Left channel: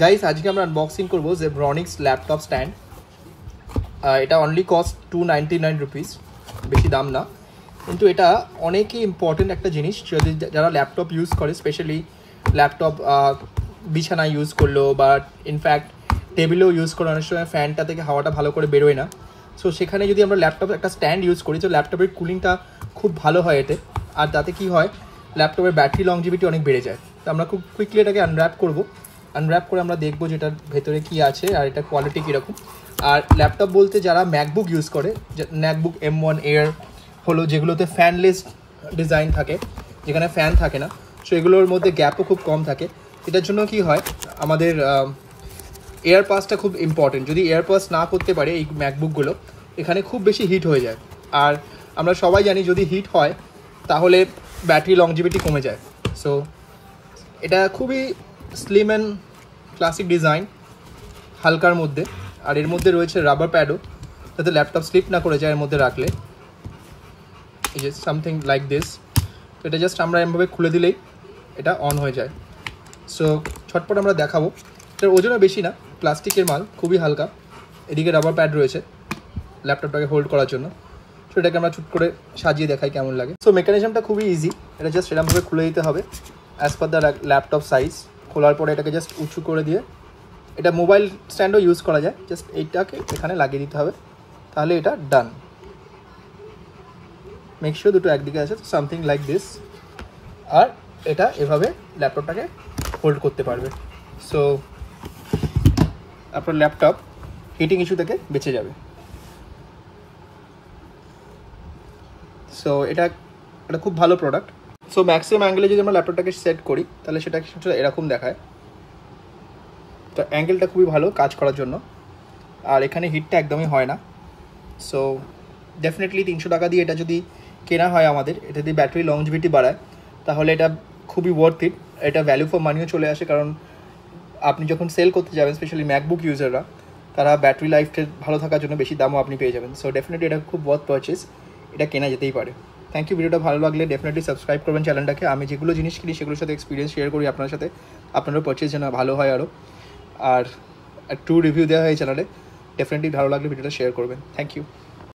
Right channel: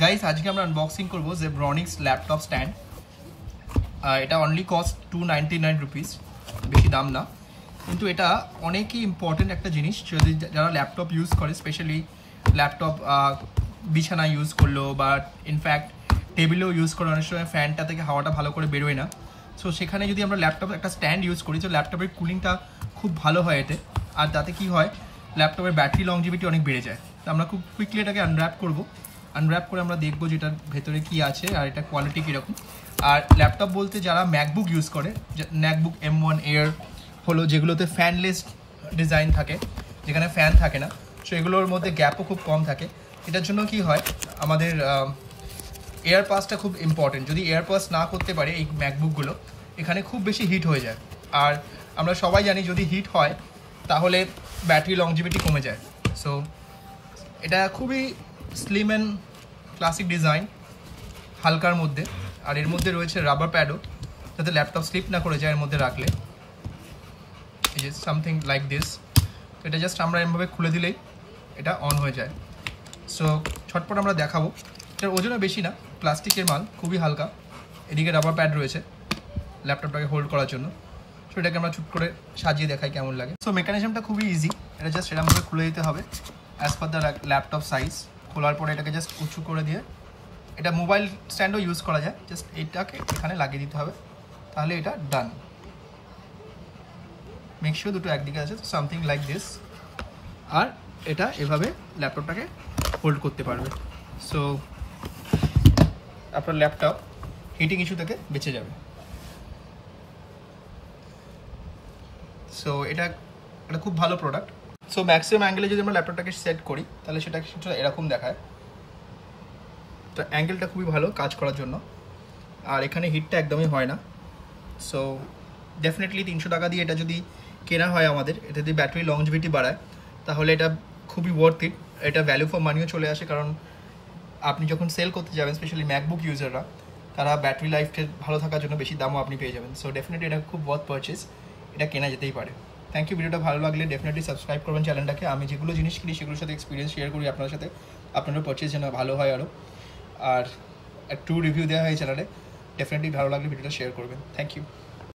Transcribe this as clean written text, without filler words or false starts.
Guys আজকে আমরা unboxing করবো Zebronics ল্যাপটপ স্ট্যান্ড। এটা অনলি কস্ট 299 রুপিস, বেশি দাম না, কিন্তু এটা অনেকই ইম্পর্টেন্ট একটা জিনিস। যদি যারা ল্যাপটপ ইউজ করে, স্পেশালি ল্যাপটপ বিছানায় ইউজ করলো বা ইনফ্যাক্ট টেবিলেও ইউজ করে, অনেক সময় ফ্যানটা থেকে হাওয়াটা ভালো করে বেরোয় না। সো সেখানে যদি আমরা ল্যাপটপ একটা স্ট্যান্ড ইউজ করি, তো ল্যাপটপের কুলিংটা খুব ভালো হয় এতে। আর তাতে কি হয়, ল্যাপটপের ব্যাটারি লংজিভিটি অনেক বেড়ে যায়। তো আমরা খুব কুইকলি এটাকে আনর্যাপ করবো। আনর্যাপ করে আমরা দেখবো যে এটার ভেতরে কি আছে আর এটা কোয়ালিটি কীরকম। আর ল্যাপটপ বলতে যারা ম্যাকবুক ইউজ করে, ম্যাকবুক M1 এয়ার হলো, যেগুলোতে ফ্যানলেস ডিজাইন থাকে, যেখানে ফ্যান থাকে না, সো এগুলোর মধ্যে গ্যাপও খুব কম থাকে। এটার জন্য কি হয়, আমাদের এয়ার পাসটা খুব ইম্পর্টেন্ট। যদি এয়ার পাস না করতে পারে এই ম্যাকবুকগুলো, এখানে খুব বেশি হিট হয়ে যায়। আর আমরা সবাই জানি যদি হিট হয় তাহলে ব্যাটারি লংজিভিটি কমে যায়। সো এটা খুবই স্লিম অ্যান্ড ক্লাসিক ডিজাইন, হালকার মধ্যে। আর এর মধ্যে রয়েছে রাবার প্যাডও, যাতে ল্যাপটপ স্লিপ না করে যায় এর মধ্যে রাখলে। এই যে সামথিং লাইক দিস। তো এটা জাস্ট আমরা এমভাবে খুলে দিলেই এটা অন হয়ে যায়। সো ছটপট আমরা দেখাবো। এটার ওজনও বেশি না, প্লাস্টিকের মাল, খুবই হালকা। এদিকে রাবার প্যাড রয়েছে ল্যাপটপটাকে হোল্ড করার জন্য। সো এটাকে আমরা চুট করে সাজিয়ে দেখাই কেমন লাগে। সো মেকানিজমটা খুবই ইজি। এটা জাস্ট এরকমভাবে খুলে দিতে হবে as per the laptop size. খোলার পরে এটাকে জাস্ট উঁচু করে দিয়ে, এটা মোবাইল স্ট্যান্ডও ইউজ করা যায়, জাস্ট এইটাকে এখানে লাগিয়ে দিতে হবে, তাহলে এটা ডান। মেক শিওর দুটো একদিকে আছে, তো সামথিং লাইক দিস। আর এটা এভাবে ল্যাপটপটাকে হোল্ড করতে পারবে। সো আপনার ল্যাপটপ হিটিং ইস্যু থেকে বেঁচে যাবে। সো এটা একটা খুব ভালো প্রোডাক্ট। সো ম্যাক্সিমাম অ্যাঙ্গেলে যদি আমরা ল্যাপটপটাকে সেট করি, তাহলে সেটা এরকম দেখায়। তো অ্যাঙ্গেলটা খুবই ভালো কাজ করার জন্য। আর এখানে হিটটা একদমই হয় না। সো ডেফিনেটলি 300 টাকা দিয়ে এটা যদি কেনা হয় আমাদের, এটা যদি ব্যাটারি লংজিভিটি বাড়ায়, তাহলে এটা খুবই ওয়ার্থ ইট। এটা ভ্যালু ফর মানিও চলে আসে, কারণ আপনি যখন সেল করতে যাবেন, স্পেশালি ম্যাকবুক ইউজাররা, তারা ব্যাটারি লাইফটা ভালো থাকার জন্য বেশি দামও আপনি পেয়ে যাবেন। সো ডেফিনেটলি এটা খুব ওয়ার্থ পারচেজ, এটা কেনা যেতেই পারে। Thank you. ভিডিওটা ভালো লাগলে ডেফিনেটলি সাবস্ক্রাইব করবেন চ্যানেলটাকে। আমি যেগুলো জিনিস কিনি সেগুলোর সাথে এক্সপিরিয়েন্স শেয়ার করি আপনার সাথে, আপনারও পারচেজ যেন ভালো হয় আরও। আর একটু রিভিউ দেওয়া হয় চ্যানেলে, ডেফিনেটলি ভালো লাগলে ভিডিওটা শেয়ার করবেন। Thank you.